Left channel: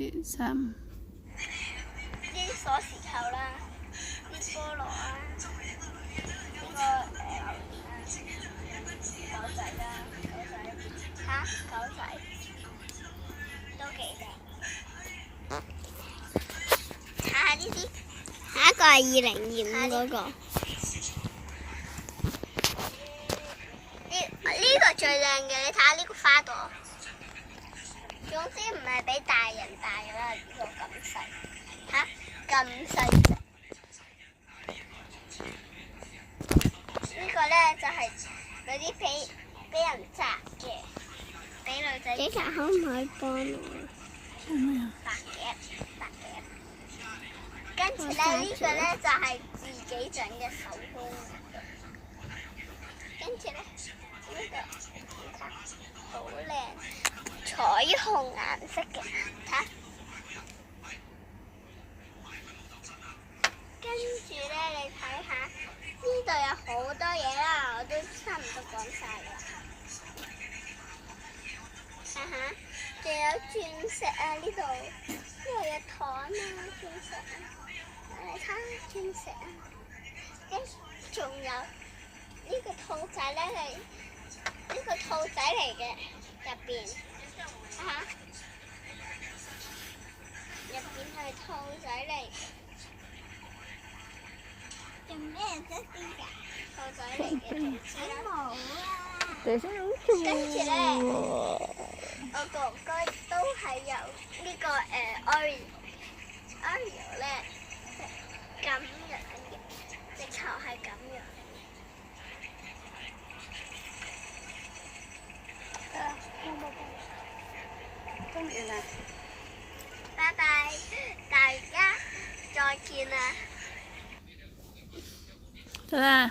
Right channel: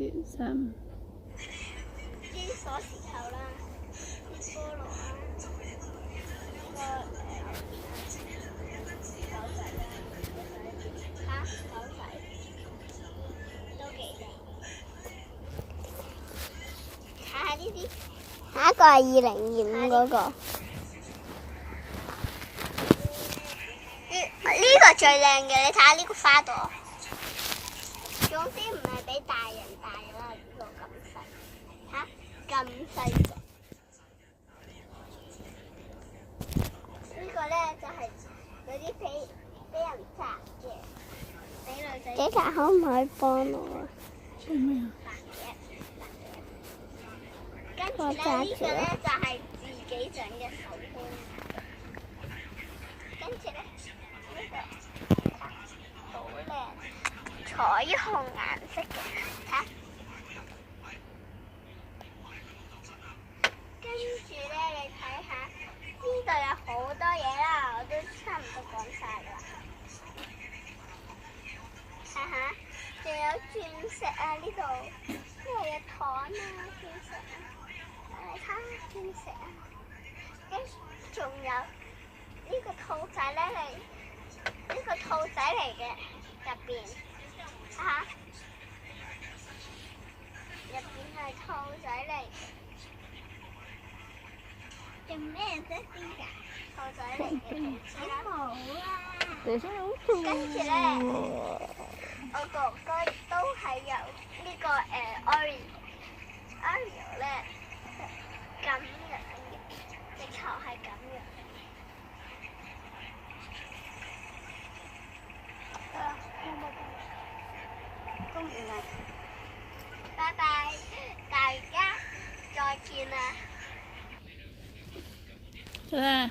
2、3。啲鎖匙扣啦，啲菠蘿啦，呢個狗仔啦，狗仔都幾靚。睇下呢啲，下一個係2025嗰個。呢個最靚嘅，你睇下呢個花朵。總之唔係俾大人戴啦，呢個咁細，嚇咁細隻。呢個咧就係嗰啲俾人摘嘅，俾女仔。警察可唔可以幫我？白嘅。跟住咧呢個咧就係自己整嘅手工。跟住咧呢個好靚。彩虹顏色嘅，睇下。跟住咧，你睇下呢度有好多嘢啦，我都差唔多講晒啦。睇下，仲有鑽石啊！呢度有糖啊，鑽石啊，你睇下鑽石啊。跟住仲有呢個兔仔咧，係呢個兔仔嚟嘅入邊。嚇！入邊係兔仔嚟嘅，做咩啫？邊㗎？兔仔嚟嘅，冇啊！跟住咧，我哥哥都係有呢個Oreo 咧，咁樣嘅，直頭係咁樣。公園啦，拜拜，大家再見啦。得啦。